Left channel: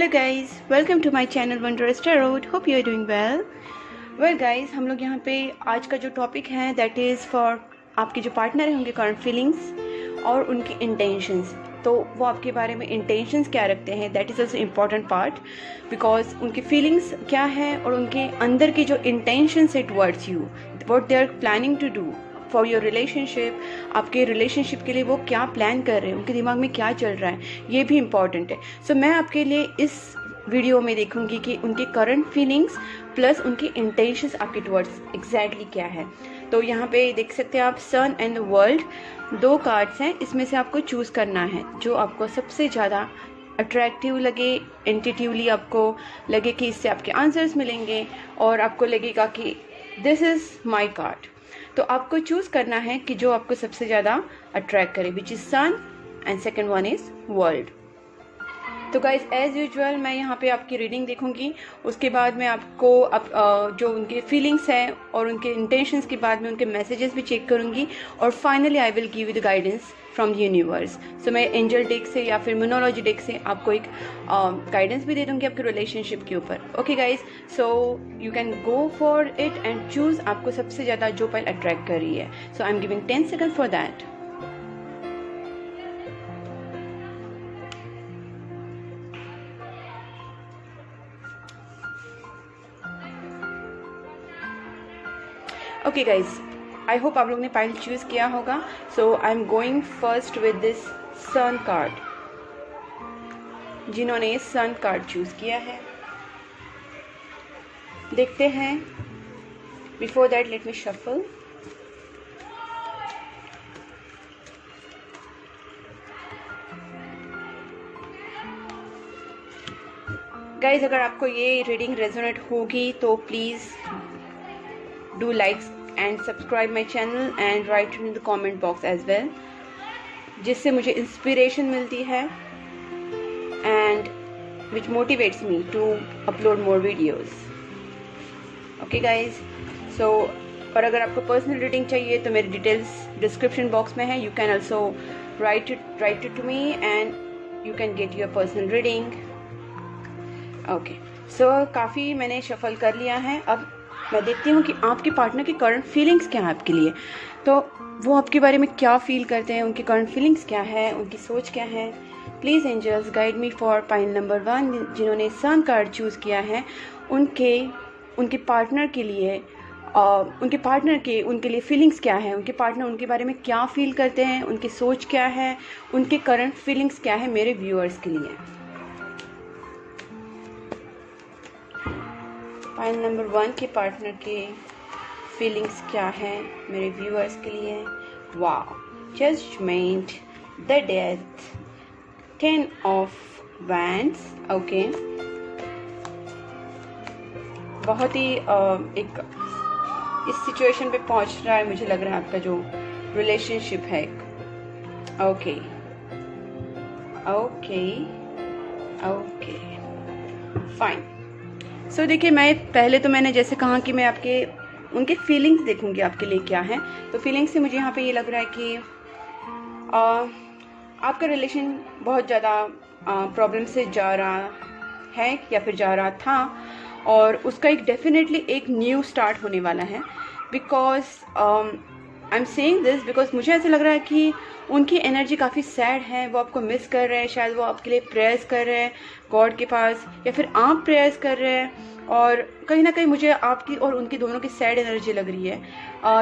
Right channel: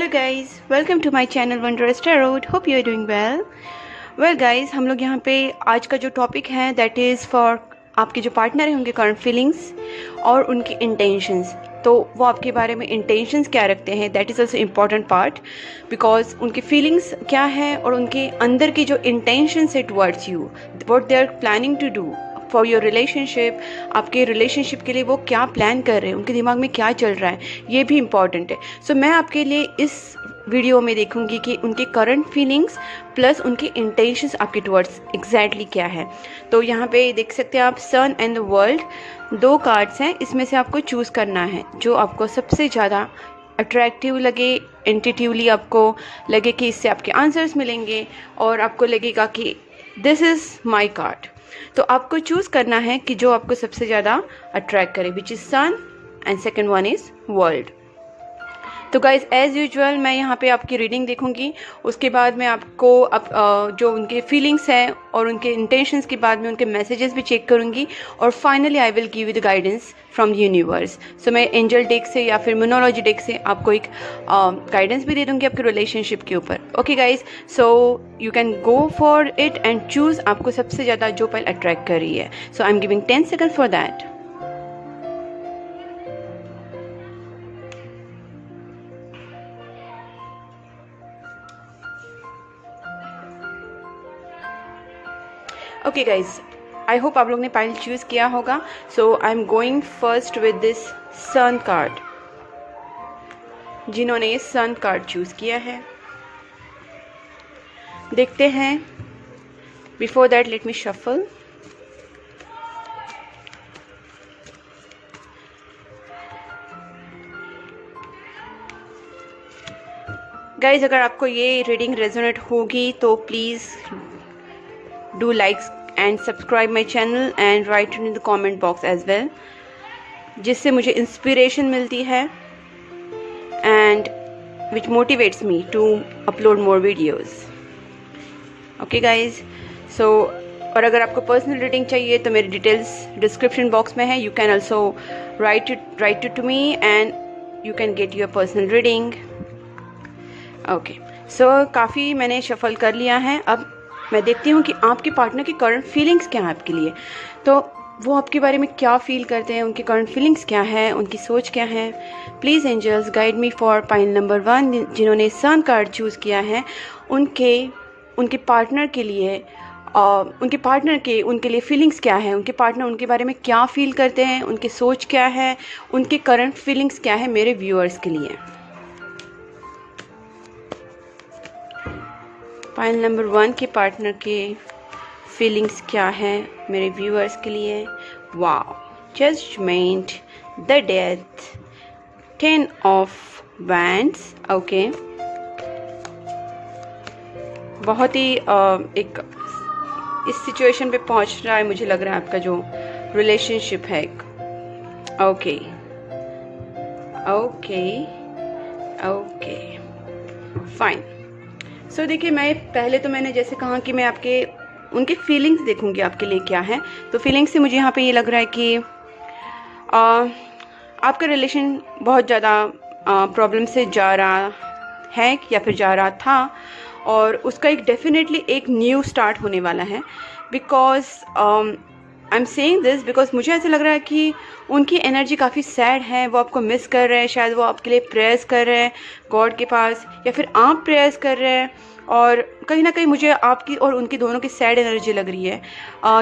Hello guys, welcome to my channel Wondrous Tarot. Hope you are doing well guys, हम लोग यहाँ पे आज का जो टॉपिक है दैट इज़ फॉर आपके जो पार्टनर हैं उनके करंट फीलिंग्स और उनके इंटेंशंस। तो वो आपके बारे में इंटेंशंस क्या रखते हैं, that is also important part, because उनकी फीलिंग्स क्या है और उनके अंदर की जो इंटेंशंस है towards you, what they are planning to do for your relationship. आपके रिलेशनशिप के लिए वो क्या प्लान कर रहे हैं, उनके दिमाग में क्या चल रहा है, ये भी इम्पॉर्टेंट है। सो मैं आपके लिए इस वीडियो में देखूंगी कि उनके करंट फीलिंग्स प्लस उनके इंटेंशंस आपके टुवर्ड्स एग्जैक्टली क्या है। तो यहाँ पे देख सकते हैं आप सन एंड द वर्ल्ड, दो कार्ड्स हैं, इसमें से आपको चूज़ करना है जो आपको सबसे ज़्यादा अट्रैक्टिव लगे, इंट्यूटिवली आपको लगे कि इससे आपके आंसर्स मिलेंगे और आपको लगेगा कि दिस इज़ माई कार्ड। तो आपको चूज़ करना है कि जो आपको सबसे ज़्यादा अट्रैक्ट करे, which is sun and second one is world. तो गाइज एज़ यूजुअल मैं यहाँ पे आपकी रीडिंग देखूंगी, उसके बाद मैं आपको जो उनके फीलिंग्स हैं और उनके इंटेंशंस के बाद में उनके मैसेजेस भी चेक करूँगी और finally I will give you the guidance from universe. So मैं एंजल डेक से या फिर मोनोलॉजी डेक से आपको एक गाइडेंस भी दे दूँगी आपके रिलेशनशिप के ऊपर। Okay guys, so you can go for it and choose आपको सबसे ज़्यादा जो पल अट्रैक्ट कर रही है। So I am giving 10 second for that. Okay guys, I hope आप लोग ने पाइल चूज़ किया होगा। So I am going first with this sun card. जिन्होंने सन कार्ड चूज़ किया है देखते हैं। Before that let me shuffle. Guys, अगर आपको ये रीडिंग रेजोनेट होगी तो please do like and subscribe my channel and write it in the comment box as well, जिससे मुझे इंस्पिरेशन मिलती है and which motivates me to upload more videos. Okay guys, so और अगर आपको पर्सनल रीडिंग चाहिए तो मेरी डिटेल्स डिस्क्रिप्शन बॉक्स में है, you can also write it to me and you can get your personal reading. Okay, so काफ़ी मैंने शफल कर लिया है। अब मैं देखती हूँ कि आपके पार्टनर की करंट फीलिंग्स क्या है आपके लिए। तो वो आपके बारे में क्या फील करते हैं, उनकी करंट फीलिंग्स क्या है, उनकी सोच क्या है। Please angels guide me for pile number 1, जिन्होंने सन कार्ड चूज़ किया है। उनके पार्टनर के लिए उनके लिए फीलिंग्स क्या है, उनके पार्टनर उनके बारे में क्या फील करते हैं, उनकी सोच क्या है, उनके करंट फीलिंग्स क्या है मेरे व्यूअर्स के लिए। पाइल नंबर 1 के पार्टनर के फीलिंग्स क्या है मेरे व्यूअर्स के लिए। Wow, judgment, the death, 10 of wands. Okay, बहुत ही एक इस सिचुएशन पे पहुंच रहा है, मुझे लग रहा है आपका जो रिलेशनशिप है। Okay okay okay fine. So देखिए, मैं पहले तो मैंने जैसे कहा कि मैं उनके फीलिंग्स देखूंगी आपके लिए क्या है। तो फीलिंग्स से मुझे यहाँ पे ये लग रहा है कि आपका रिलेशन बहुत ज़्यादा प्रॉब्लम से जा रहा है या फिर जा रहा था, और उसका एक डेफिनेटली एक न्यू स्टार्ट होने वाला है। Because I am saying this because मुझे ऐसा लग रहा है कि उनकी एनर्जी काफ़ी सैड है, वो आपको मिस कर रहे हैं, शायद वो आपके लिए प्रेयर्स कर रहे हैं गॉड के पास, या फिर आप प्रेयर्स कर रहे हैं। और कहीं ना कहीं मुझे आपकी और उनकी दोनों की सैड एनर्जी लग रही है।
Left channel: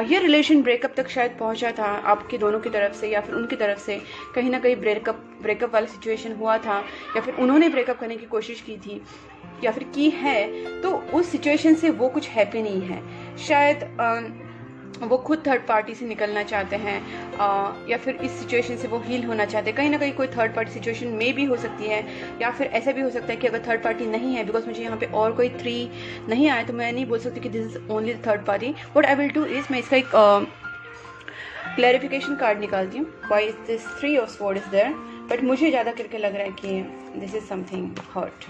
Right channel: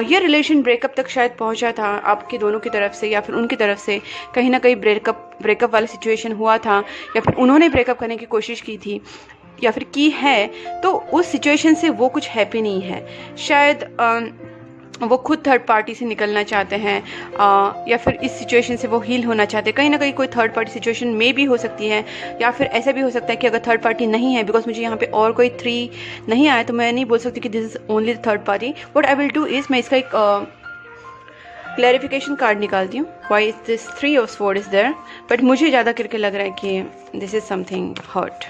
ये रिलेशन ब्रेकअप तक शायद पहुंचा था आपके दोनों की तरफ से या फिर उनकी तरफ से। कहीं ना कहीं ब्रेकअप वाली सिचुएशन हुआ था, या फिर उन्होंने ब्रेकअप करने की कोशिश की थी या फिर की है। तो उस सिचुएशन से वो कुछ हैप्पी नहीं है। शायद वो खुद थर्ड पार्टी से निकलना चाहते हैं, या फिर इस सिचुएशन से वो हील होना चाहते हैं। कहीं ना कहीं कोई थर्ड पार्टी सिचुएशन में भी हो सकती है, या फिर ऐसा भी हो सकता है कि अगर थर्ड पार्टी नहीं है, बिकॉज मुझे यहाँ पे और कोई 3 नहीं आया, तो मैं नहीं बोल सकती कि this is only the third party. What I will do is, मैं इसका एक क्लैरिफिकेशन कार्ड निकालती हूँ। Why is this 3 of sword is there, but मुझे ज़्यादा करके लग रहा है कि this is something hurt.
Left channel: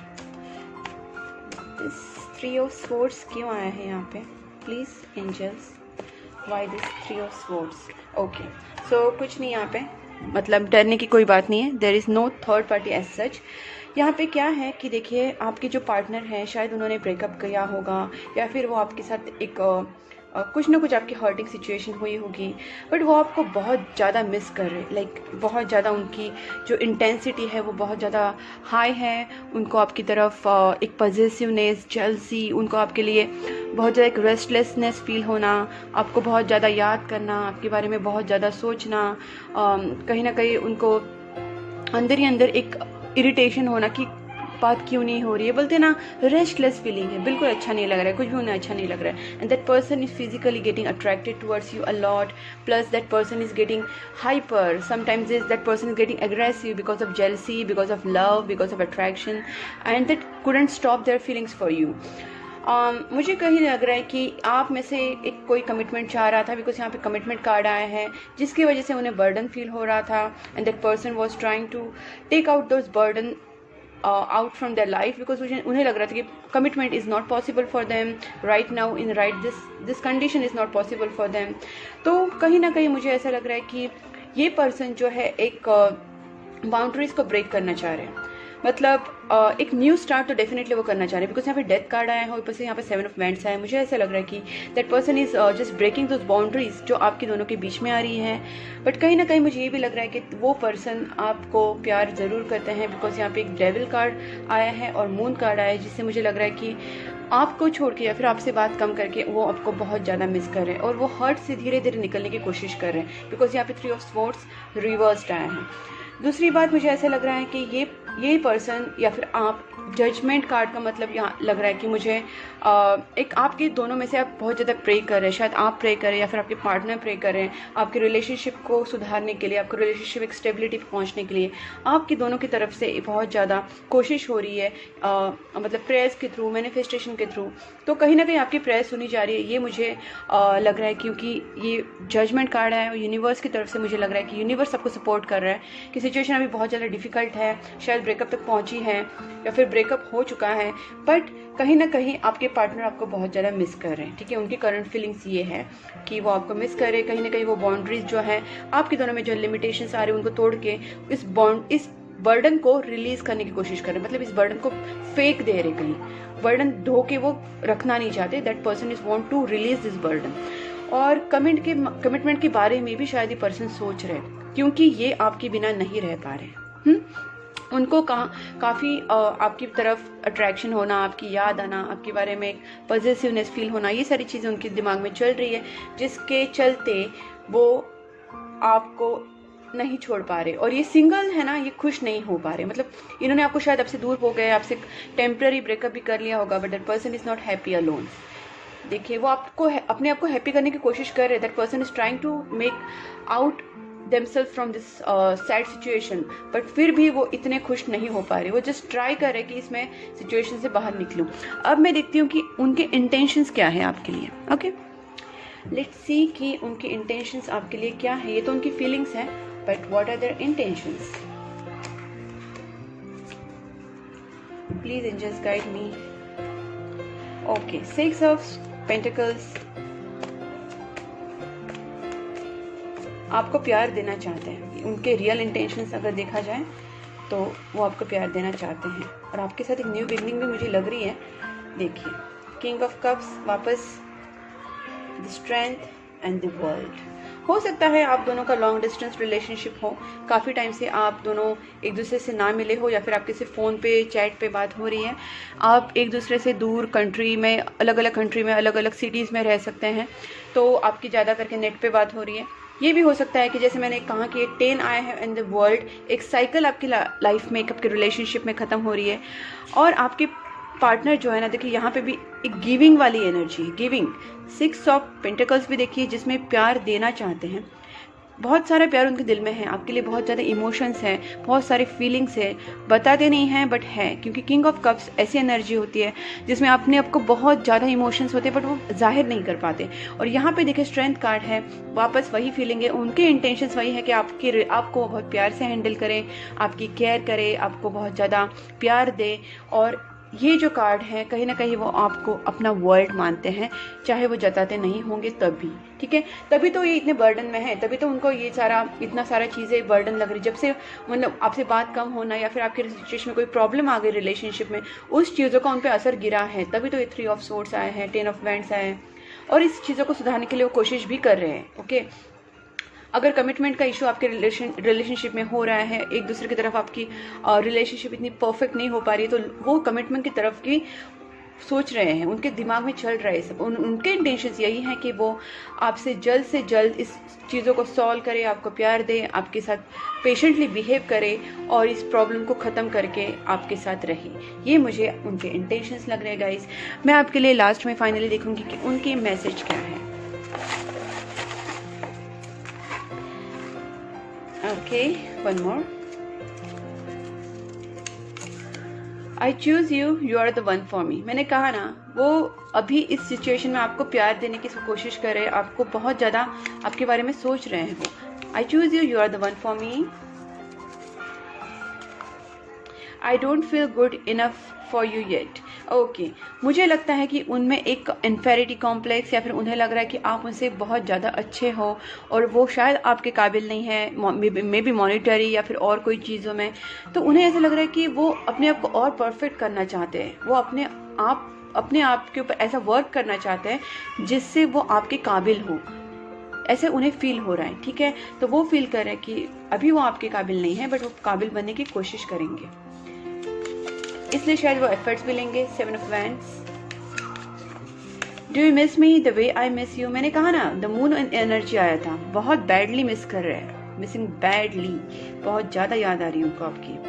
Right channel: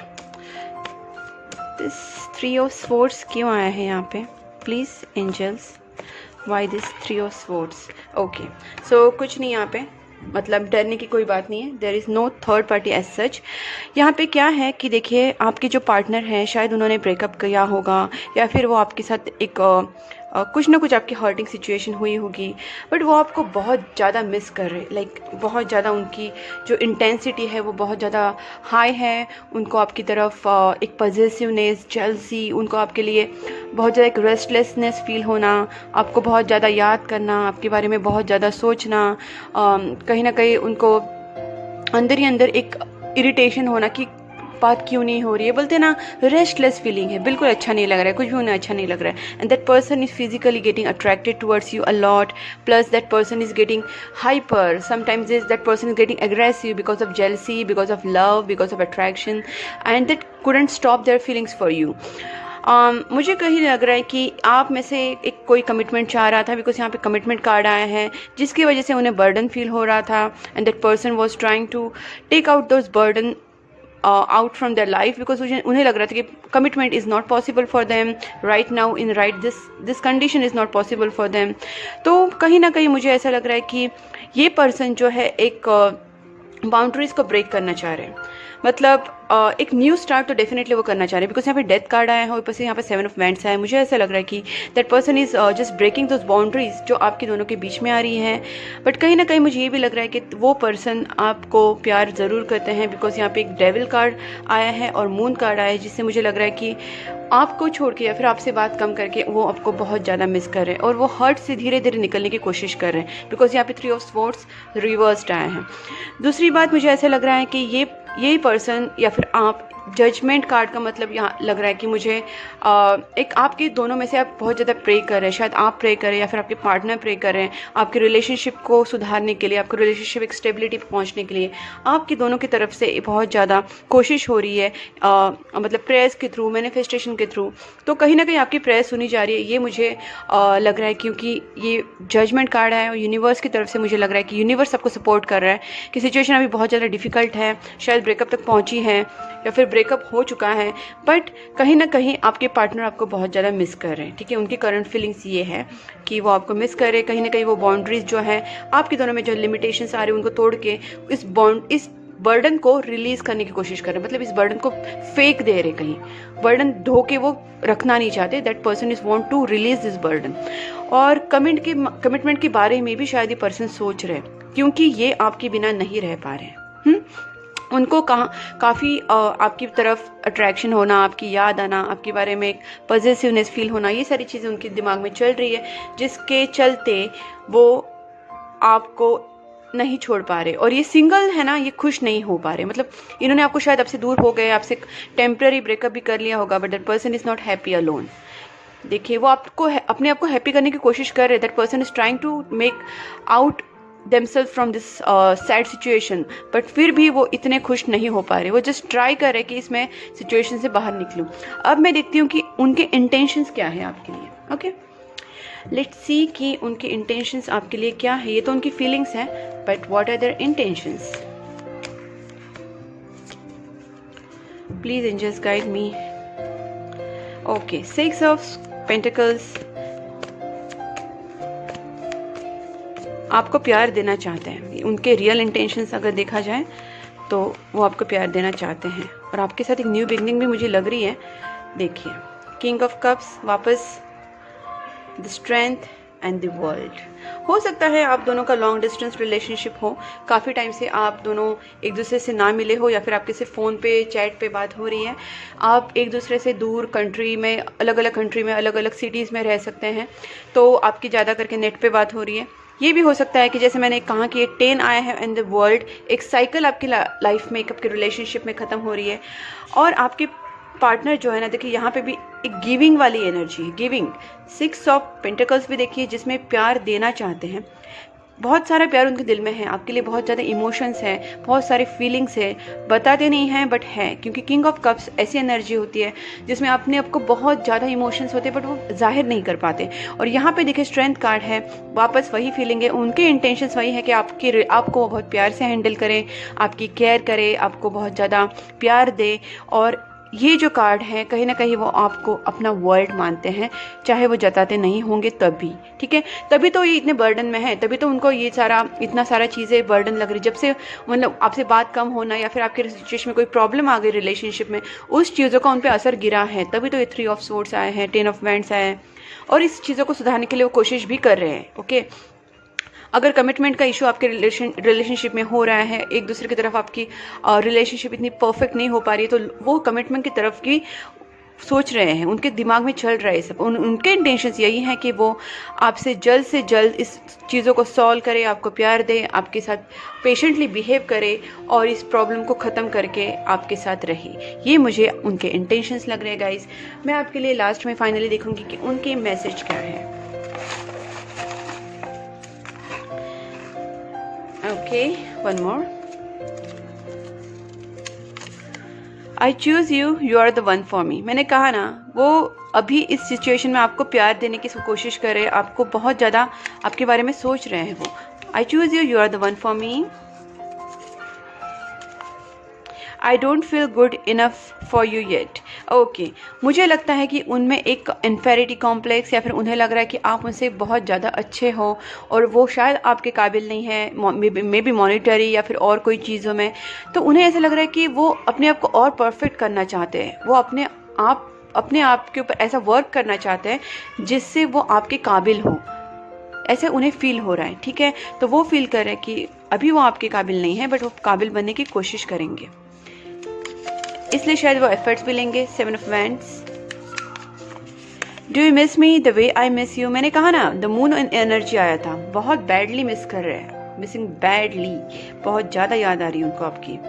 This 3 of swords क्यों आया है यहाँ पे, please angels, why this 3 of swords। Okay, so कुछ नहीं यहाँ पे, मतलब डरने की कोई बात नहीं है, there is no third party as such. यहाँ पे क्या है कि देखिए, आपके जो पार्टनर हैं शायद उन्होंने ब्रेकअप किया होगा, या फिर वो आपके साथ एक कुछ ना कुछ आपकी हर्टिंग सिचुएशन हुई होगी, बट वो आपको बहुत ज़्यादा मिस कर रहे, लाइक बहुत ज़्यादा उनकी जो इंटेंसिटी है वो बहुत ज़्यादा हाई है। उनको आपकी तरफ एक पजेसिवनेस, जेलसी, उनको आपके लिए बहुत ज़्यादा एक रेस्टलेसनेस फील होना, आपको बहुत ज़्यादा याद करना, आपके बारे में बहुत ज़्यादा सोचना, कहीं ना कहीं उनको अंदर ही अंदर एक इरिटेशन होना कि बात क्यों नहीं हो रही है, बोलते ना रेस्टलेस फीलिंग है, बिल्कुल अच्छा नहीं लग रहा है, कुछ भी उन्हें अच्छा नहीं लग रहा है। And that person is physically getting attracted towards you a lot, plus that person is getting hyper, sometimes is that person is getting aggressive because of jealousy, because of love, because of attraction, and that couldn't stop their feelings for you. मुझे कहीं लग रहा है कि आप में से एक कोई कमिटमेंट चाह रहा था, बिकॉज यहाँ पे कमिटमेंट कार्ड आया है, जिसकी वजह से उन्हें बर्डन फील हो रहा था, and that person was trying to take out those burden out from their life, because उन्हें लग रहा था कि commitment is not possible for them right now, in right this condition is not possible for them. तो कहीं ना कहीं मुझे ऐसा लग रहा है कि ये पर्सन जो है एक बाउंड्रीज को ब्रेक करना चाह रहे हैं, मतलब एक न्यू स्टार्ट तो डेफिनेटली वो करना चाह रहे हैं, बिकॉज यहाँ पे डेथ कार्ड आया है, ऊपर से यहाँ पे 7 ऑफ वैंड्स आया है। मुझे ऐसा लग रहा है कि that person is just breaking those boundaries जो आपके दोनों के बीच में आ रही हैं। बट कहीं ना कहीं मुझे ये भी लग रहा है कि वो पर्सन आपको प्यार ज़रूर करते हैं, बिकॉज यहाँ पे एक डेविल कार्ड आया है और मून कार्ड आया है, जिससे मुझे लग रहा है कि आपको छोड़ के या फिर आपसे बात कम करके वो आपको बहुत ज़्यादा मिस कर रहे हैं, और वो हर्ट से धीरे धीरे निकलने की कोशिश कर रहे हैं, बिकॉज यहाँ पे 3 ऑफ स्वॉर्ड्स रिवर्स्ड आए हैं। दूसरी बात, मुझे ऐसा लग रहा है कि यही पर्सन या फिर आप, जजमेंट कार्ड का मतलब यहाँ लग रहा है कि मुझे एक आपके दोनों में से आप बहुत ज़्यादा प्रे कर रहे हैं, शायद आप प्रे करें या फिर आपके पार्टनर प्रे कर रहे हैं, आपके रिलेशनशिप को सुधारने के लिए, आपके रिलेशनशिप एक स्टेबिलिटी पर पहुँचने के लिए आपकी दोनों की तरफ से बहुत ज़्यादा कोशिश हो रही है, मतलब प्रेयर्स के थ्रू, मैनिफेस्टेशन के थ्रू। तो कहीं ना कहीं आपकी प्रेयर सुनी जा रही है, ये मुझे लग रहा है, क्योंकि ये जजमेंट कार्ड है और यूनिवर्स की तरफ से मुझे लग रहा है कि यूनिवर्स आपको सपोर्ट कर रहा है कि सिचुएशन अभी बहुत ज़्यादा डिफिकल्ट है, शायद ब्रेकअप तक पहुँची है या फिर ब्रेकअप हो चुका है, बट कहीं ना कहीं आपके पार्टनर आपको बहुत ज़्यादा मिस कर रहे हैं। ठीक है, उनकी करंट फीलिंग्स ये है कि वो आपको मिस कर रहे हैं, कहीं ना कहीं वो बाउंड्रीज जो है आपके दोनों में जो लिमिटेशंस आ रहे हैं उनको तोड़ के इस बर्डन को रिलीज करने की कोशिश कर रहे हैं, मतलब इस बर्डन को फेंक दे रहे, कहीं बर्डन धो के वो रखना नहीं चाहते। That person is want to release this burden. और कमिटमेंट के बारे में भी शायद ये पर्सन सोच रहे हैं, क्योंकि ये आपके बिना नहीं रह पा रहे हैं। उनको काफ़ी आपकी तरफ अट्रैक्शन होना, आपकी याद आना, आपके बारे में एक पॉजिटिवनेस फील होना, ये सारी चीज़ें उनके दिमाग में चल रही है, जिसके चलते वो आपको नहीं छोड़ पा रहे। और ये सिंगल है ना, ये खुश नहीं हो पा रहे, मतलब इन्होंने आपको शायद आपसे दूर हो गए, आपसे टेम्पररी ब्रेकअप भी कर लिया होगा, but that person is not happy alone. देखिए, वो आपको अपने आप को हैप्पी करने की कोशिश कर रहे हैं। That person is trying to make out themselves from this sad situation, but फिर भी वो इतने खुश नहीं हो पा रहे। वो जस्ट ट्राई कर रहे कि इसमें सिचुएशन से बाहर निकलूं। अब मैं देखती हूँ कि उनके इंटेंशंस क्या है आपके लिए। ओके, लेट्स सी कि उनके इंटेंशंस आपके लिए क्या है। ये तो उनकी फीलिंग्स हैं, but what are their intentions? Please angels guide me. Okay, 6 of pentacles. आपको प्यार देना चाहते हैं, उनके रियल इंटेंशंस अगर देखा जाए तो वो आपको प्यार देना चाहते हैं, और आपके साथ एक न्यू बिगनिंग भी मुझे लग रही है। देखिए, किंग ऑफ कप्स वापस, the strength and the world. हो सकता है आप दोनों का लॉन्ग डिस्टेंस रिलेशनशिप हो, काफ़ी टाइम से आप दोनों एक दूसरे से ना मिले हो, या फिर आपके से फ़ोन पे, चैट पे बात हो रही है। आप एक दूसरे से दूर कंट्री में, अलग अलग कंट्री में, अलग अलग सिटीज़ में रह सकते हैं, तो आपकी ज़्यादा करके नेट पे बात हो रही है। ये भी हो सकता है कि जैसे मैंने कहा कि 10 आया है इन द वर्ल्ड, एक साइकिल आपकी लाइफ में, आपके रिलेशनशिप में ख़त्म हो रही है। और आपके पार्टनर जो है ना, देखिए यहाँ पे भी एक गिविंग वाली एनर्जी है, गिविंग। 6 ऑफ पेंटिकल्स भी देखिए, जिसमें प्यार देना चाहते हैं, बहुत सारा प्यार उनके दिल में है, आपके लिए बहुत ज़्यादा इमोशंस हैं, बहुत सारे फीलिंग्स है, बताते नहीं हैं बट है, क्योंकि किंग ऑफ कप्स ऐसी एनर्जी होती है जिसमें अपने आपको बहुत ज़्यादा इमोशंस होते हैं बट वो जाहिर नहीं कर पाते। और यहाँ पे देखिए स्ट्रेंथ कार्ड है, वापस वही फीलिंग है, उनके इंटेंशंस वही है कि आपको बहुत प्यार से हैंडल करें, आपकी केयर करे, आपको बहुत ज़्यादा प्यार दे, और ये जो कार्ड है कहीं ना कहीं वो आपको अपना वर्ल्ड मानते हैं, चाहे वो जताते नहीं होंगे तब भी, ठीक है। तभी तो ये इतने बर्डन में है, तभी तो उनको ये सारा इतना सारा चीज़ें बर्डन लग रही। जब से मतलब आपसे बात कम होना या फिर आपके सिचुएशन में कोई प्रॉब्लम आ गई रिलेशनशिप में, उस चीज़ों का उन पर असर गिरा है, तभी तो ये 3 ऑफ सोर्ड्स आए हैं, 10 ऑफ वैंड्स आए हैं, और इस चीज़ों को सुधारने के लिए वो कोशिश भी कर रहे हैं। ओके, अगर कमिटमेंट का इशू आपके रिलेशनशिप में हो रहा है, एक दूसरे की तरफ आपकी रिलेशनशिप इतनी परफेक्ट नहीं हो पा रही है, तो वो कमिटमेंट की तरफ की सोच रहे हैं, उनके दिमाग में चल रहा है सब। उनके इंटेंशंस यही हैं कि वो आपसे जल्द से जल्द इस चीज़ों को सॉल्व करे, आपको प्यार दे, आपके साथ पेशेंटली बिहेव करे और इस प्रॉब्लम को ख़त्म करके आपके साथ रहे। ये मुझे उनके इंटेंशंस लग रहे हैं गाइस। मैं आपके लिए लास्ट में फाइनली देखूंगी कि उनके मैसेज क्या है। Okay, one more. I choose you, you are the one for me. मैंने कहा ना, वो अभी इस सिचुएशन में आपको प्यार देने की कोशिश कर रहे हैं, आपको बहुत ज़्यादा आपके बारे में सोच रहे हैं वो। I choose you, you are the one for me. I don't feel good enough for you yet. Okay, मुझे लगता है कि उनमें एक इन्फेरिटी कॉम्प्लेक्स, या फिर उन्हें लग रहा है कि आप उनसे बहुत ज़्यादा अच्छे हो और वो शायद आपके काबिल नहीं है, मे बी मॉनिटरी या फिर और कोई चीज़ों में। तो उन्हें ऐसा लग रहा है कि वो अपने आप को और परफेक्ट करना चाहते हैं, वो अपने आप के ऊपर ऐसा वर्क करना चाहते हैं जिससे वो आपके काबिल हो, ऐसे उन्हें फील हो रहा है, ठीक है। तो वो फील कर रहे हैं कि अभी वो आपके काबिल नहीं है, बट वो काबिल बनने की कोशिश करेंगे, इसलिए शायद वो एफर्ट्स भी लेंगे। 7 of wands. Do you miss me the way I miss you. मैंने कहा ना, द मून एनर्जी आया था, बहुत बैडली मिस कर रहे हैं, मिसिंग बैडली, बहुत ज़्यादा याद आ रही है उनको आपकी।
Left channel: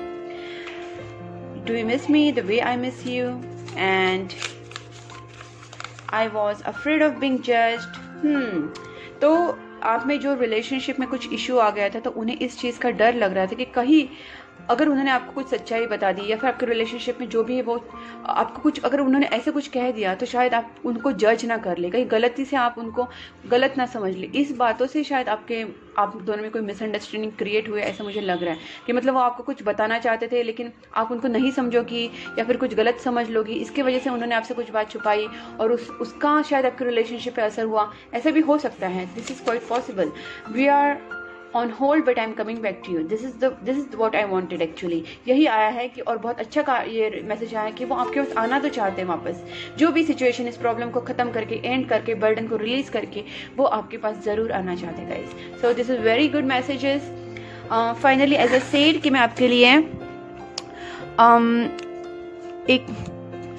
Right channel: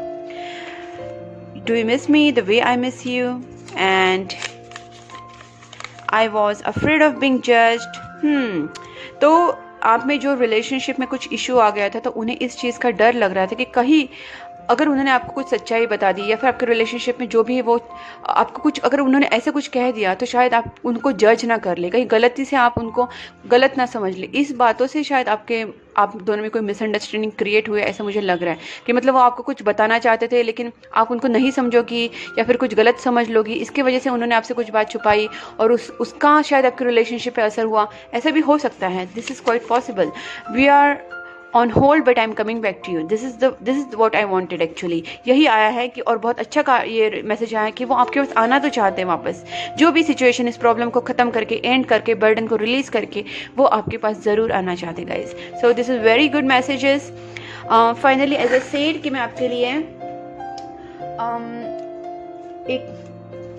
Do you miss me the way I miss you and I was afraid of being judged. तो आप में जो रिलेशनशिप में कुछ इशू आ गया था, तो उन्हें इस चीज़ का डर लग रहा था कि कहीं अगर उन्होंने आपको कुछ सच्चाई बता दी, या फिर आपके रिलेशनशिप में जो भी है वो आपको कुछ, अगर उन्होंने ऐसे कुछ कह दिया, तो शायद आप उनको जज ना कर ले, कहीं गलती से आप उनको गलत ना समझ ले। इस बातों से शायद आप दोनों में कोई मिसअंडरस्टैंडिंग क्रिएट हुई है, ऐसा मुझे लग रहा है कि मतलब वो आपको कुछ बताना चाहते थे, लेकिन आप उनको नहीं समझोगी या फिर कुछ गलत समझ लोगी, इसकी वजह से उन्होंने आपसे कुछ बात छुपाई और उसका शायद आपके रिलेशनशिप पे असर हुआ। ऐसा भी हो सकता है, this is quite possible. We are on hold but I am coming back to you, this is what I wanted actually. यही आया है कि, और बहुत अच्छा ये मैसेज आया है कि वो आपके पास आना तो चाहते हैं वापस, जो भी सिचुएशन, इस प्रॉब्लम को ख़त्म करके, एंड करके, बर्डन को रिलीज करके वो आपके पास ज़रूर आना चाहते guys. So this is very good messages. Finally as I said कि मैं आपके लिए एक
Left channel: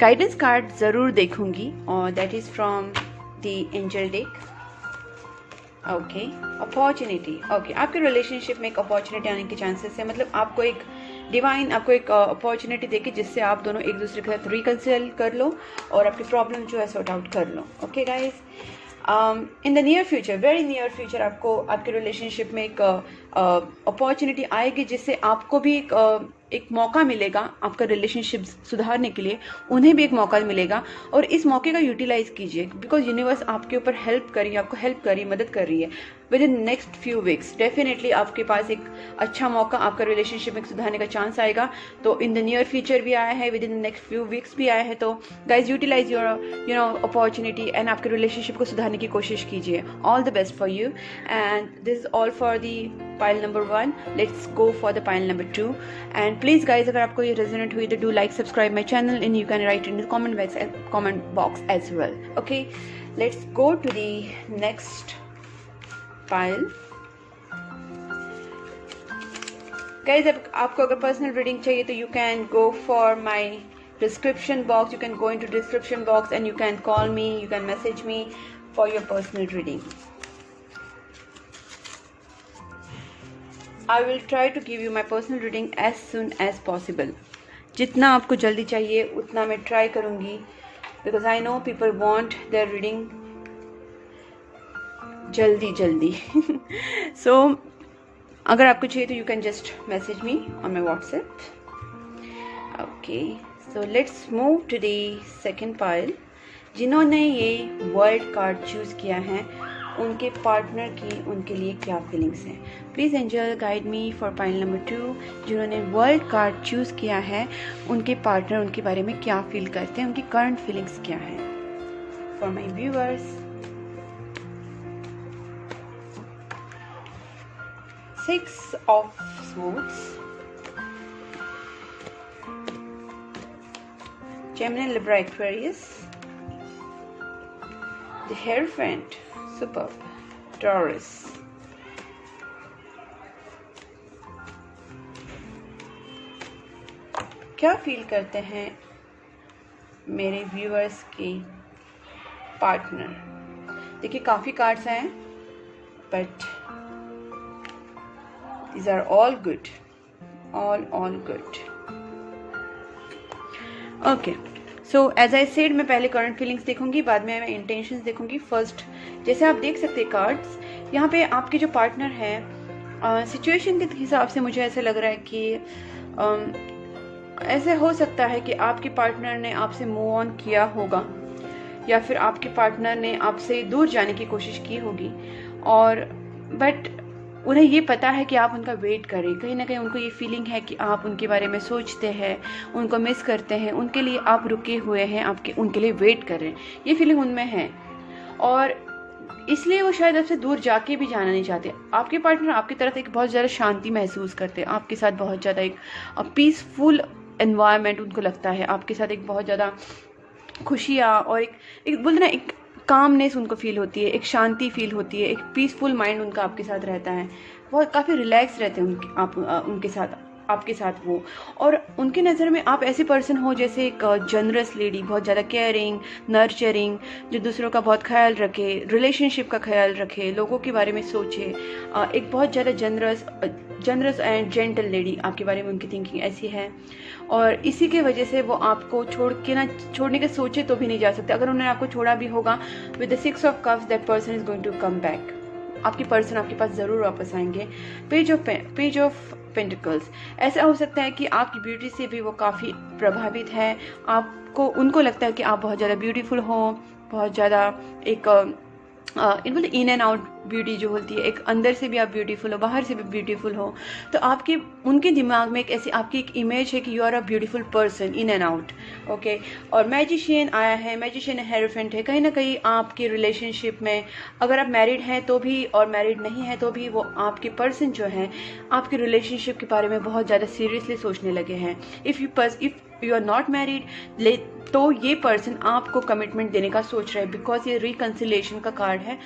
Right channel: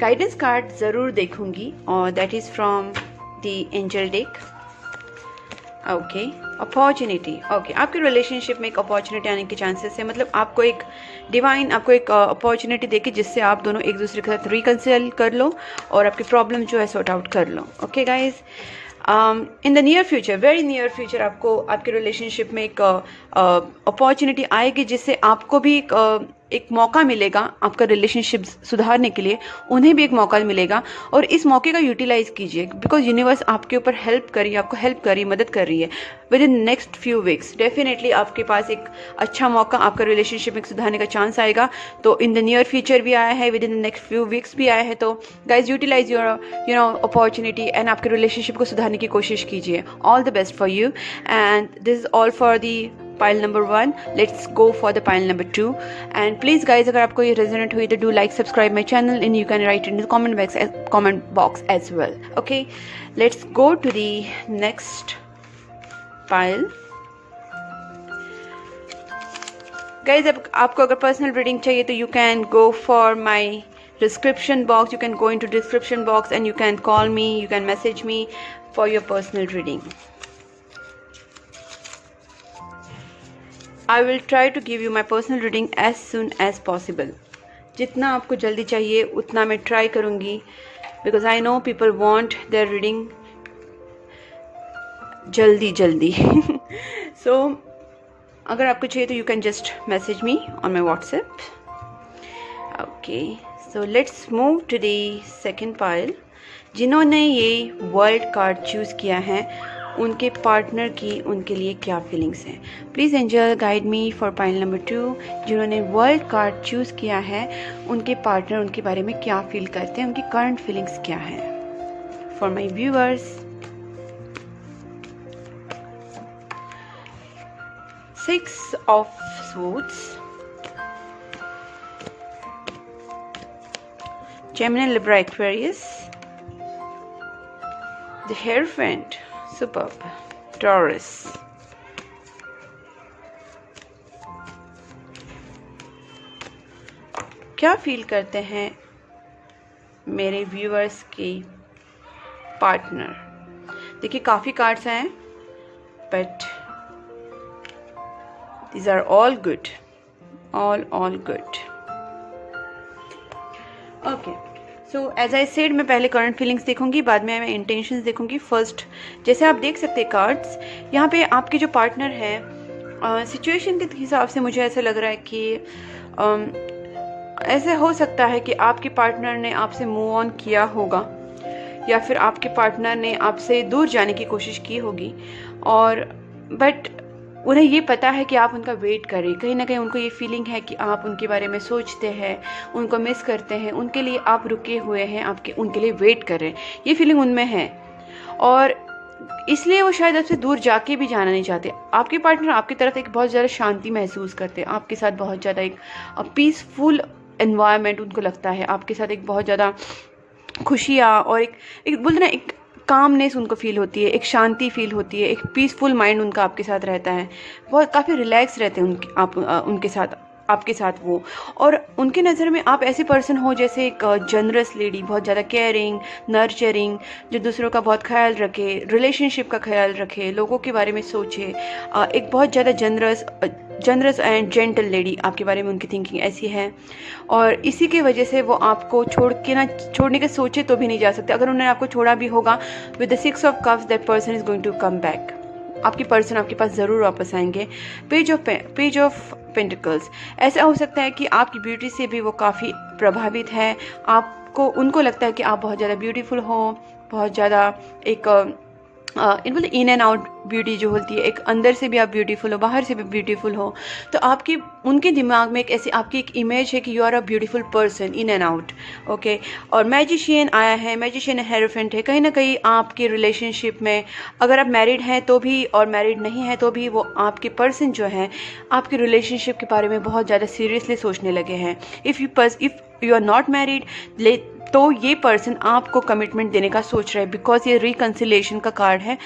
गाइडेंस कार्ड ज़रूर देखूंगी, और that is from the angel deck. Okay, opportunity. Okay, आपके रिलेशनशिप में एक अपॉर्चुनिटी आने के चांसेस है, मतलब आपको एक डिवाइन आपको एक अपॉर्चुनिटी देगी जिससे आप दोनों एक दूसरे के साथ रिकंसिल कर लो और आपकी प्रॉब्लम जो है सॉर्ट आउट कर लो। Okay guys, in the near future, very near future, आपको आपके रिलेशनशिप में एक अपॉर्चुनिटी आएगी जिससे आपको भी एक मौका मिलेगा आपका रिलेशनशिप सुधारने के लिए, उन्हें भी एक मौका मिलेगा, और इस मौके का यूटिलाइज कीजिए, बिकॉज यूनिवर्स आपके ऊपर हेल्प कर रही है, आपको हेल्प कर रही है, मदद कर रही है। Within next few weeks definitely आपके पास एक अच्छा मौका, आपका रिलेशनशिप में सुधारने का चांस आएगा। तो इन द नियर फ्यूचर भी आया है, within next few weeks भी आया है। तो guys, utilize your opportunity and आपके रिलेशनशिप को सुधारने की कोशिश कीजिए। All the best for you, and this is all for the pile number 1. Let's go for the pile number 2. And please guys, अगर आपको ये resonate हुई तो do like, subscribe my channel, and you can write in the comment box as well. Okay, let's go to the next pile. Guys, अब आपको अगर personal reading चाहिए तो you can go for my description box. You can go into description box and you can call me, you can message me for your personal reading. I will try to give you my personal reading as soon as possible. जितना आपको जल्दी चाहिए उतना मैं try करूँगी, because I know people want their reading जल्दी So अगर आपको चाहिए तो you can just message me on my WhatsApp. Okay, so let's move to the second pile. जिन्होंने ये वर्ल्ड कार्ड चूज़ किया है उनके पार्टनर की उनके लिए क्या फीलिंग्स हैं। Please angel guide me for pile number 2। जिन्होंने वर्ल्ड कार्ड चूज़ किया है, उनके पार्टनर उनके बारे में क्या फील करते हैं, उनकी करंट फीलिंग्स क्या हैं। For my viewers, 6 of Swords, Gemini, Libra, Aquarius, the Hierophant, superb, Taurus, क्या फील करते हैं मेरे व्यूअर्स के पार्टनर। देखिए काफ़ी कार्ड्स हैं, but these are all good, all good. Okay, so as I said, मैं पहले करंट फीलिंग्स देखूंगी, बाद में मैं इंटेंशंस देखूंगी। फर्स्ट, जैसे आप देख सकते हैं कार्ड्स, यहाँ पे आपके जो पार्टनर है, सिचुएशन के हिसाब से मुझे ऐसा लग रहा है कि ऐसा हो सकता है कि आपके पार्टनर ने आपसे मूव ऑन किया होगा, या फिर आपके पार्टनर ने आपसे दूर जाने की कोशिश की होगी, और बट उन्हें ये पता है कि आप उनका वेट करें। कहीं ना कहीं उनको ये फीलिंग है कि आप उनके बारे में सोचते हैं, उनको मिस करते हैं, उनके लिए आप रुके हुए हैं, आपके उनके लिए वेट कर रहे हैं, ये फीलिंग उनमें है। और इसलिए वो शायद आपसे दूर जाके भी जाना नहीं चाहते। आपके पार्टनर आपकी तरफ एक बहुत ज़्यादा शांति महसूस करते हैं, आपके साथ बहुत ज़्यादा एक पीसफुल एनवायरनमेंट उनको लगता है, आपके साथ एक बहुत ज़्यादा खुशियाँ और एक बोलते ना, एक कामनेस उनको फील होती है, एक शांति फील होती है, एक पीसफुल माइंड उनका आपके साथ रहता है, बहुत काफ़ी रिलैक्स रहते हैं उनके साथ, आपके साथ वो। और उनके नज़र में आप ऐसे पर्सन हो जैसे एक जनरस लेडी, बहुत ज़्यादा केयरिंग, नर्चरिंग, जो दूसरों का बहुत ख्याल रखे, रिलेशनशिप का ख्याल रखे, लोगों के बारे में सोचे, एक बहुत ज़्यादा जनरस एंड जेंटल लेडी, आपके बारे में उनकी थिंकिंग ऐसी है। और इसी की वजह से वो आपको छोड़ने के सोचे तो भी नहीं जा सकते। अगर उन्होंने आपको छोड़ा भी होगा, with the 6 of cups that person is going to come back. आपकी पर्सन आपके पास ज़रूर वापस आएंगे। पेज ऑफ पेंटिकल्स, ऐसा हो सकता है कि आपकी ब्यूटी से भी वो काफ़ी प्रभावित है, उनको लगता है कि आप बहुत ज़्यादा ब्यूटीफुल हो, बहुत ज़्यादा एक इन एंड आउट ब्यूटी जो होती है, एक अंदर से भी आप ब्यूटीफुल हो, बाहर से भी ब्यूटीफुल हो। तो उनके दिमाग में आपकी एक इमेज है कि you are a beautiful person in and out. Okay, और मैजिशियन आया है, मैजिशियन हेरोफेंट है। कहीं ना कहीं आपके रिलेशनशिप में, अगर आप मैरिड हैं तो भी और मैरिड नहीं है तो भी, वो आपके पर्सन जो है आपके रिलेशनशिप के बारे में बहुत ज़्यादा सीरियसली सोचने लगे हैं। If you are not married, तो ये पर्सन आपको कमिटमेंट देने का सोच रहा है, बिकॉज ये रिकन्सिलेशन का कार्ड है।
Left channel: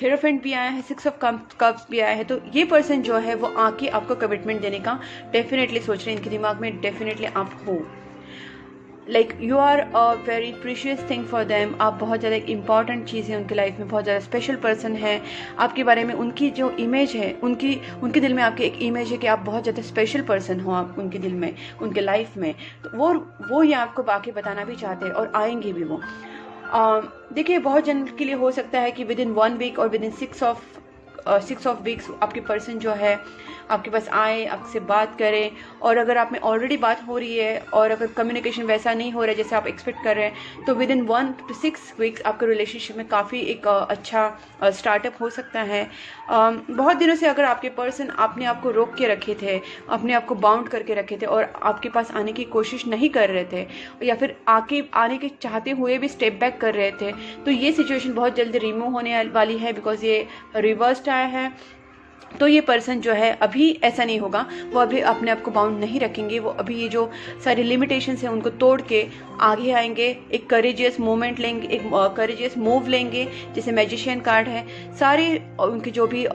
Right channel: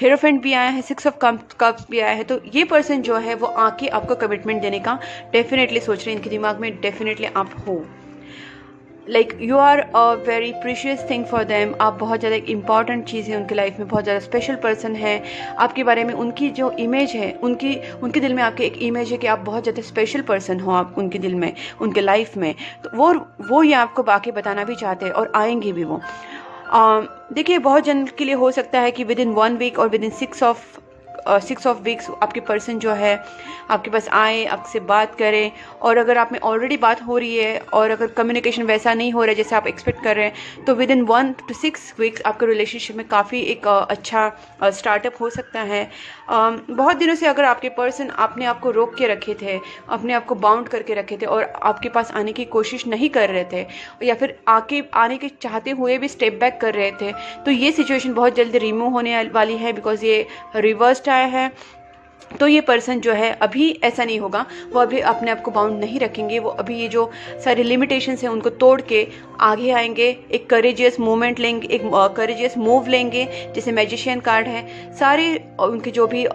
हेरोफेंट भी आया है, 6 ऑफ कप्स भी आया है। तो ये पर्सन जो है वो आके आपको कमिटमेंट देने का डेफिनेटली सोच रहे हैं, इनके दिमाग में डेफिनेटली आप हो, like you are a very precious thing for them. आप बहुत ज़्यादा एक इंपॉर्टेंट चीज़ है उनके लाइफ में, बहुत ज़्यादा स्पेशल पर्सन है। आपके बारे में उनकी जो इमेज है, उनके दिल में आपके एक इमेज है कि आप बहुत ज़्यादा स्पेशल पर्सन हो, आप उनके दिल में, उनके लाइफ में। तो वो ये आपको बाकी बताना भी चाहते हैं और आएंगे भी वो। देखिए, बहुत जन के लिए हो सकता है कि विद इन 1 वीक और विद इन 6 ऑफ वीक्स आपके पर्सन जो है आपके पास आए, आपसे बात करें। और अगर आप में ऑलरेडी बात हो रही है और अगर कम्युनिकेशन वैसा नहीं हो रहा है जैसे आप एक्सपेक्ट कर रहे हैं, तो विद इन 1 to 6 वीक्स आपके रिलेशनशिप में काफ़ी एक अच्छा स्टार्टअप हो सकता है। बहुत दिनों से अगर आपके पर्सन अपने आप को रोक के रखे थे, अपने आप को बाउंड करके रखे थे और आपके पास आने की कोशिश नहीं कर रहे थे, या फिर आने के चाहते हुए भी स्टेप बैक कर रहे थे, तो ये सिचुएशन बहुत जल्दी रिमूव होने वाली है, बिकॉज ये रिवर्स्ड आया है। तो ये पर्सन जो है अभी ऐसा नहीं होगा, वो अभी अपने आप को बाउंड नहीं रखेंगे, वो अभी ये जो सारी लिमिटेशंस हैं उनको तोड़ के आगे आएंगे, एक करेजियस मूवमेंट लेंगे, एक करेजियस मूव लेंगे, जैसे मैजिशियन कार्ड है। सारे उनके जो भी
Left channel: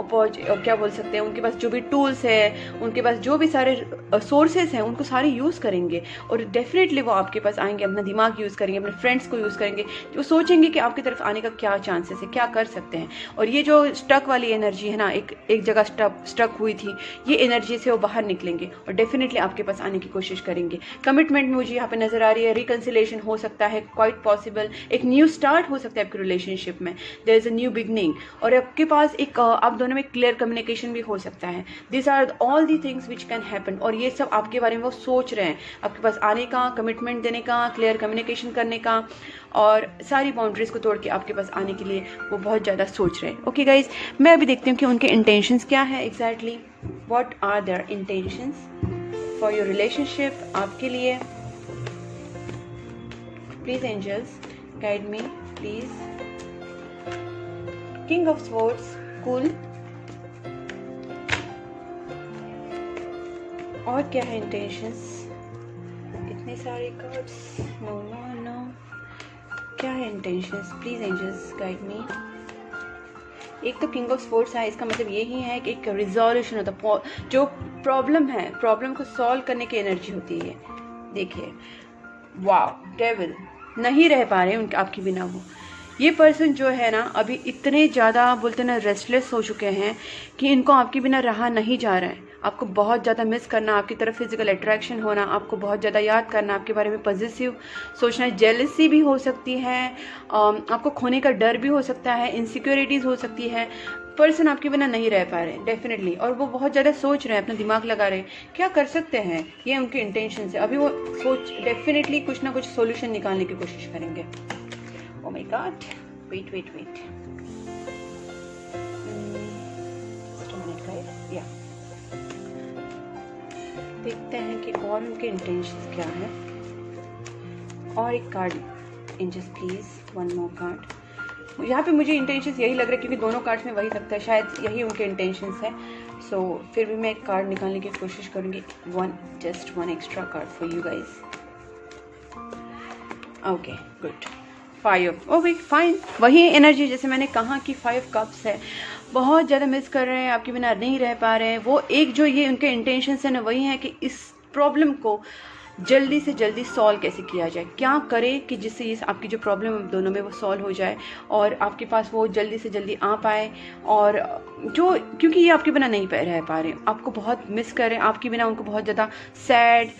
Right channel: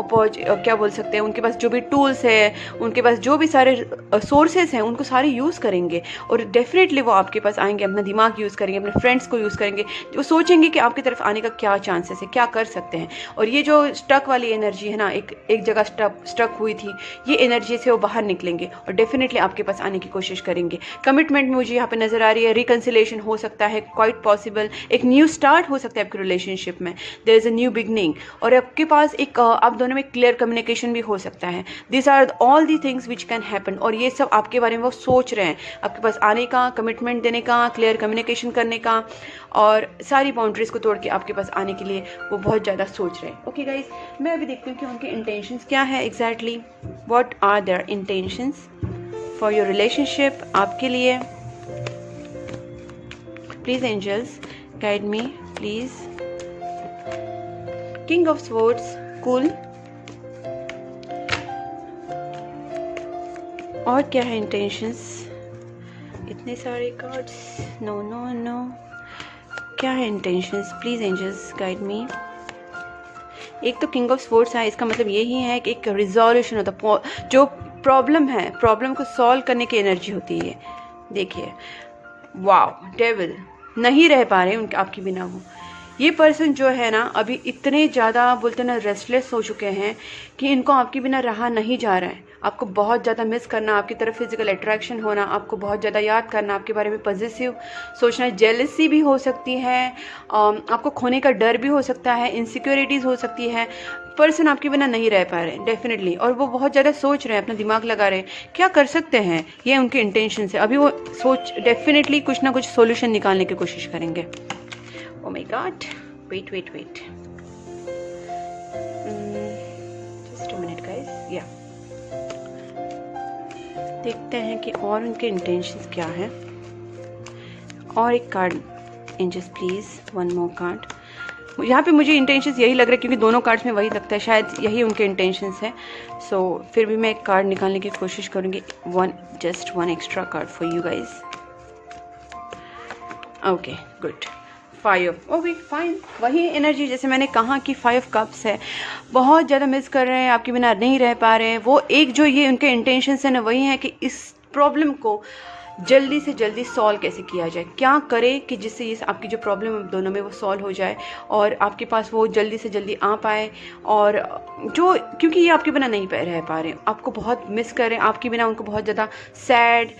क्या बोल सकते हैं, उनके पास जो भी टूल्स है, उनके पास जो भी सारे सोर्सेज हैं, उनको सारे यूज़ करेंगे और डेफिनेटली वो आपके पास आएंगे, अपना दिमाग यूज़ करेंगे, अपने फ्रेंड्स को यूज़ करेंगे, वो सोचेंगे कि आपकी तरफ आने का क्या चांसेस है, क्या कर सकते हैं। और ये जो स्टक वाली एनर्जी है ना, एक जगह स्टक हुई थी, ये एनर्जी से वो बाहर निकलेंगे और डेफिनेटली आपके पास आने की कोशिश करेंगे। कमिटमेंट मुझे यहाँ पे नजर आ रही है, रिकन्सिलेशन हो सकता है, क्वाइट पॉसिबल, एक न्यू स्टार्ट हो सकता है आपके रिलेशनशिप में, there is a new beginning. और आपके पास एक आप दोनों में क्लियर कम्युनिकेशन भी हो सकता है। This are all the things which can happen. और ये सब आपके बारे में वो सोच रहे हैं, आपके पास आने का, कमिटमेंट देने का, क्लियर कम्युनिकेशन करने का, और सारी बाउंड्रीज को तोड़ के आपके पास आने के लिए वो बहुत ज़्यादा सोच रहे हैं। ओके गाइज, मैं अभी देखती हूँ कि उनके इंटेंशंस क्या है exactly, what are their intentions for your relationship, आपके लिए। Please angels guide me please. King of swords, cool. और क्या है इंटेंशंस? इतने सारे कार्ड्स, नो नो नो। क्या है intentions? Please angels guide me. एक तो किंग ऑफ स्वॉर्ड्स है, इसका मतलब यही है कि एक रिजोल्यूशन होता, जो प्रॉब्लम है, प्रॉब्लम को सॉल्व करने की एनर्जी होती है। देखिए, वाओ, डेविल, नहीं रह पा रहे उनके आपके बिना। वो ये पर्सन जो है ना, अभी इतने ज़्यादा बोलते ना रेस्टलेस हो चुके हैं कि इनको आपके बिना रहा नहीं जा रहा है। आपको बहुत ज़्यादा मिस करना, आपकी तरफ फिजिकल अट्रैक्शन होना, आपको बहुत ज़्यादा याद करना, आपके बारे में पॉजिटिव सोचना, जेलसी भी हो सकती है, आपको खोने का डर भी हो सकता है, इनसिक्योरिटीज़ हो सकती है। पर्सन आपके बिना नहीं रह पा रहे डेफिनेटली, और वो बहुत ज़्यादा सोच रहे हैं, अपना दिमाग लगा रहे हैं क्या कर सकते हैं। ये उनके इंटेंशन है। अभी वो सोच डेफिनेटली कुछ ना कुछ सोल्यूशन निकालने की कोशिश करेंगे। Oh my God, wait. Just a minute guys, yeah. देखते हैं कि और उनके इंटेंशंस क्या है। और एक card angels please, one more card. यहाँ पे मुझे इंटेंशंस यही लग रहा है क्योंकि दोनों कार्ड्स में वही लगता है, शायद यही उनके इंटेंशंस है। सो फिर भी मैं एक कार्ड निकालने की कोशिश करूँगी। Just one extra card for you guys. Okay good, 5, okay fine. वही एनर्जी जैसे मैंने कहा कि 5 कप्स है, बहुत ज़्यादा मिस कर रहे हैं, आपके बिना नहीं रह पा रहे हैं। वो एक जो ये उनके इंटेंशंस है ना, वही है कि इस प्रॉब्लम को जल्दी से जल्दी सॉल्व कैसे किया जाए, क्या करे कि जिससे ये आपकी जो प्रॉब्लम है दोनों में वो सॉल्व हो जाए और आपके पास वो जल्दी से जल्दी आ पाए। और जो क्योंकि ये आपके बिना नहीं रह पा रहे हैं, आपको बहुत मिस कर रहे हैं, आपके बिना उनको बहुत ज़्यादा सैड,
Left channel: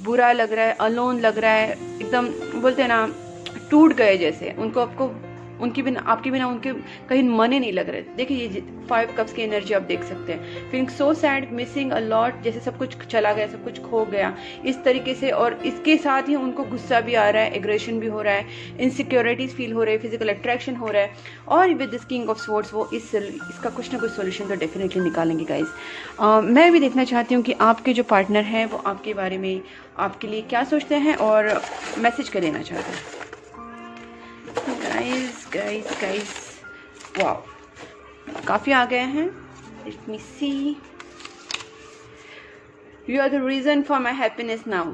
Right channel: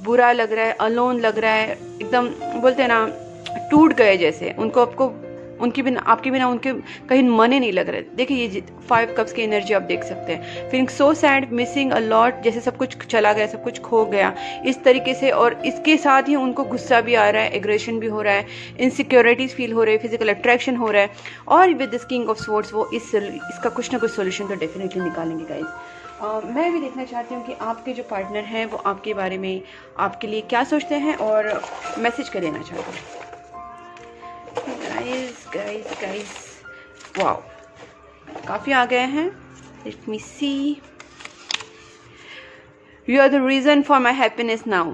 बुरा लग रहा है, अलोन लग रहा है, एकदम बोलते हैं ना टूट गए जैसे। उनको आपको उनके बिना, आपके बिना उनके कहीं मन ही नहीं लग रहा है। देखिए ये 5 कप्स की एनर्जी आप देख सकते हैं। Feeling so sad, missing a lot, जैसे सब कुछ चला गया, सब कुछ खो गया इस तरीके से। और इसके साथ ही उनको गुस्सा भी आ रहा है, एग्रेशन भी हो रहा है, इनसिक्योरिटीज फील हो रही है, फिजिकल अट्रैक्शन हो रहा है। और with this king of swords वो इसका कुछ ना कुछ सोल्यूशन तो डेफिनेटली निकालेंगे गाइज। मैं भी देखना चाहती हूँ कि आपके जो पार्टनर हैं वो आपके बारे में, आपके लिए क्या सोचते हैं और मैसेज क्या देना चाहते हैं। गाइस वाओ, काफ़ी आ गए हैं। Let me see. You are the reason for my happiness now.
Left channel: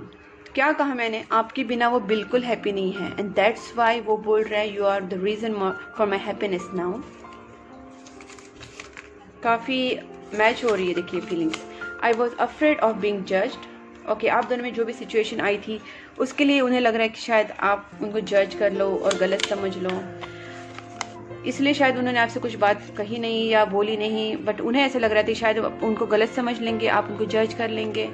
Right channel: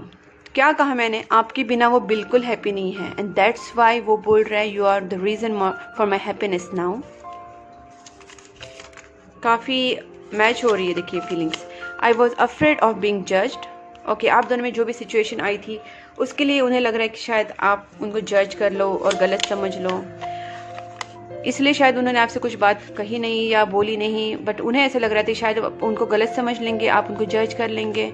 क्या कहा मैंने? आपके बिना वो बिल्कुल हैप्पी नहीं है, एंड दैट्स वाई वो बोल रहा है you are the reason for my happiness now. काफ़ी मैच हो रही है देखिए feelings. I was afraid of being judged. Okay, आप दोनों में जो भी सिचुएशन आई थी उसके लिए उन्हें लग रहा है कि शायद आप उनको जज कर लो और गलत समझ लो, इसलिए शायद उन्होंने आपसे कुछ बात कही नहीं या बोली नहीं। बट उन्हें ऐसा लग रहा था शायद उनको गलत समझ लेंगे, आप उनको जज कर लेंगे।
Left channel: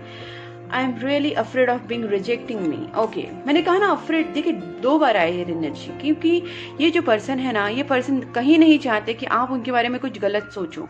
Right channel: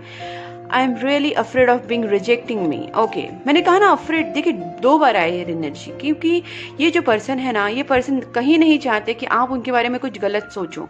I am really afraid of being rejecting me. Okay, मैंने कहा ना अफ्रेड, देखिए 2 बार आए ये एनर्जी, क्योंकि ये जो पर्सन है ना, ये पर्सन कहीं नहीं चाहते कि आप उनके बारे में कुछ गलत सोचो।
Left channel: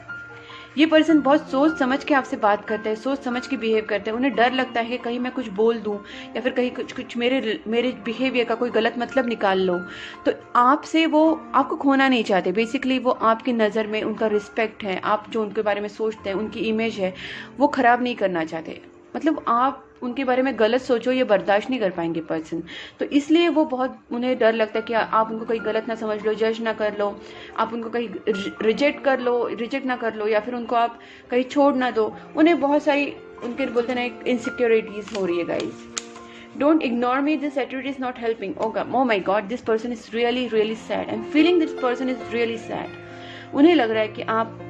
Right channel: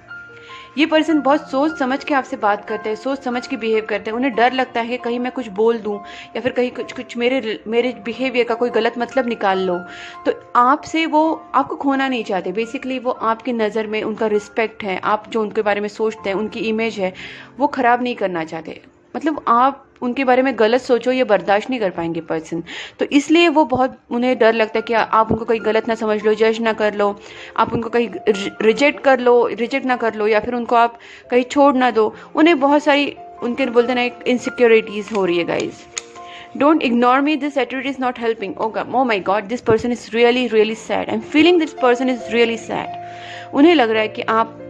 ये पर्सन बहुत सोच समझ के आपसे बात करते हैं, सोच समझ के बिहेव करते हैं। उन्हें डर लगता है कि कहीं मैं कुछ बोल दूं या फिर कहीं कुछ मेरे बिहेवियर का कोई गलत मतलब निकाल लो। तो आपसे वो आपको खोना नहीं चाहते। बेसिकली वो आपकी नज़र में उनका रिस्पेक्ट है, आप जो उनके बारे में सोचते हैं, उनकी इमेज है, वो ख़राब नहीं करना चाहते। मतलब आप उनके बारे में गलत सोचो ये बर्दाश्त नहीं कर पाएंगे पर्सन। तो इसलिए वो बहुत, उन्हें डर लगता है कि आप उनको कहीं गलत ना समझ लो, जज ना कर लो, आप उनको कहीं रिजेक्ट ना कर लो, या फिर उनको आप कहीं छोड़ ना दो। उन्हें बहुत सारी उनके बोलते ना इनसिक्योरिटीज़ हो रही है guys. Don't ignore me, this attitude is not helping. Oh my God, this person is really sad. I am feeling this person is really sad. उन्हें लग रहा है कि आप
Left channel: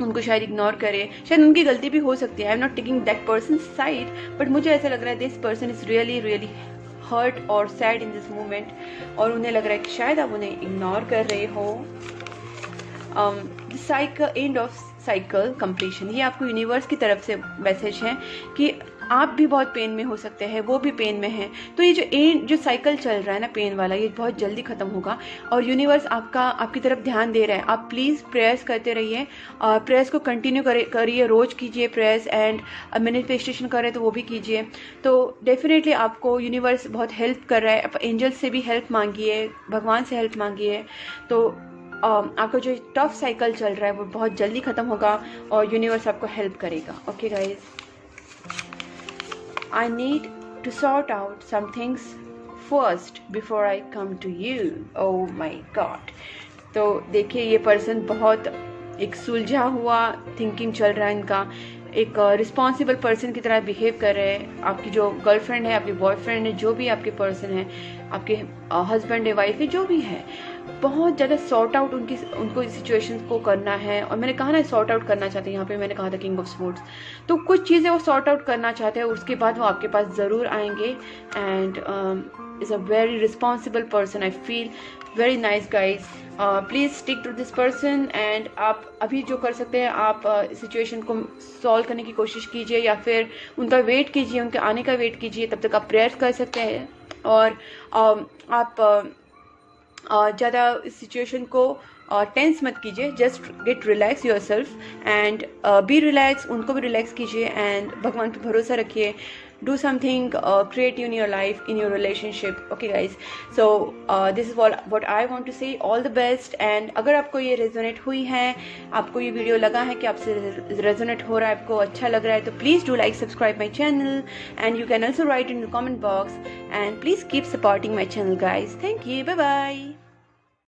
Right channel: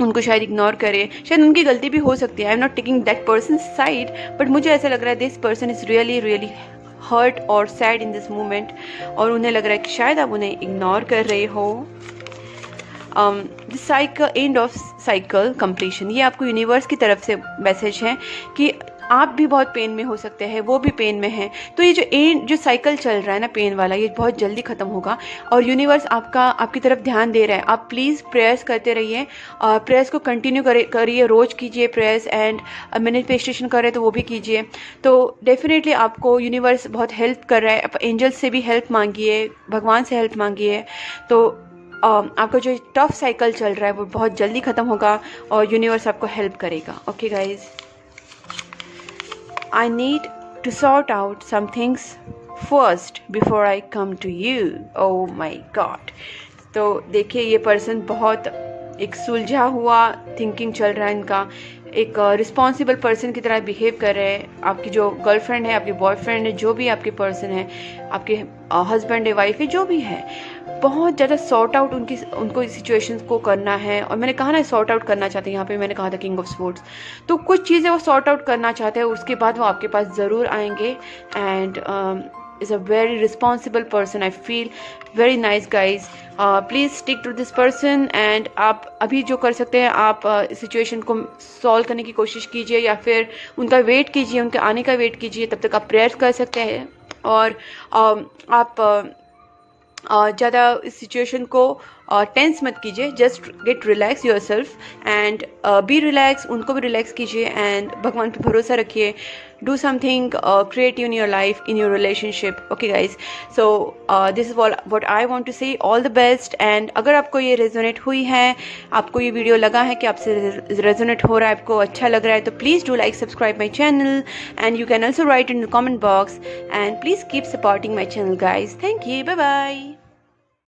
उनको शायद इग्नोर करें, शायद उनकी गलती भी हो सकती है। I am not taking that person side, but मुझे ऐसा लग रहा है this person is really hurt और सैड इन दिस मोमेंट। और उन्हें लग रहा है कि शायद आप उन्हें इग्नोर कर रहे हो। Cycle, end of cycle completion, ये आपको यूनिवर्स की तरफ से मैसेज है कि आप भी बहुत पेन में हो सकते हैं, वो भी पेन में है। तो ये जो साइकिल चल रहा है ना पेन वाला, ये बहुत जल्दी ख़त्म होगा और यूनिवर्स आपकी तरफ ध्यान दे रहा है। आप प्लीज़ प्रेयर्स करते रहिए, प्रेयर्स को कंटिन्यू करिए, रोज़ कीजिए प्रेयर्स, एंड मैनिफेस्टेशन करें तो वो भी कीजिए। तो डेफिनेटली आपको यूनिवर्स बहुत हेल्प कर रहा है। आप एंजल्स से भी हेल्प मांगिए, भगवान से हेल्प मांगिए। तो आपका जो टफ साइकिल चल रहा है वो बहुत जल्दी ख़त्म होगा और यूनिवर्स आपको हेल्प करेगा। Okay guys, I need to sort out some things first before I come to you. Oh my God. तो देखिए ये पर्सन बहुत एक सुलझा हुआ थिंकिंग चल रहा है इनका, एक रिस्पॉन्सिबल पर्सन की तरह बिहेव कर रहे हैं। आपकी जो गर्लफ्रेंड है, आपकी बॉयफ्रेंड है, जो भी आपके पर्सन है, आपके हस्बैंड है, वाइफ है, जो भी है, बहुत ज़्यादा सॉर्ट आउट उनको सिचुएशन को करना है। और मैंने कहा ना सॉर्ट आउट करना चाहते हैं, यहाँ पे मैंने कहा था किंग ऑफ स्वॉर्ड्स। तो कुछ चीज़ें वो सॉर्ट आउट करना चाहते हैं, उसके बाद वो आपके पास ज़रूर आएंगे। And is a very responsible person, I feel very nice guys. Please stick to this person. And आप अभी जो कर सकते हैं, आप सिचुएशन को सॉल्व करने की कोशिश कीजिए या फिर उनका वेट कीजिए, उनके आने का वेट कीजिए। तब तक आप प्रेयर कर सकते हैं और आप ज़्यादा इस सिचुएशन को टेंस मत कीजिए। Just get relax your self and be relax, उनको भी रिलैक्स कीजिए एंड भगवान पे भरोसा रखिए। Do something creative in your life, in your relationship. Okay guys, so this is what I want to say. All the best. And अगर आपको ये रेजोनेट हुई है, आपको ये वीडियो लगा है कि आपसे रेजोनेट हो रहा है, आपको अच्छा लग रहा है, तो please do like, subscribe my channel and you can also write in the comment box and please keep supporting my channel guys. Thank you, bye bye.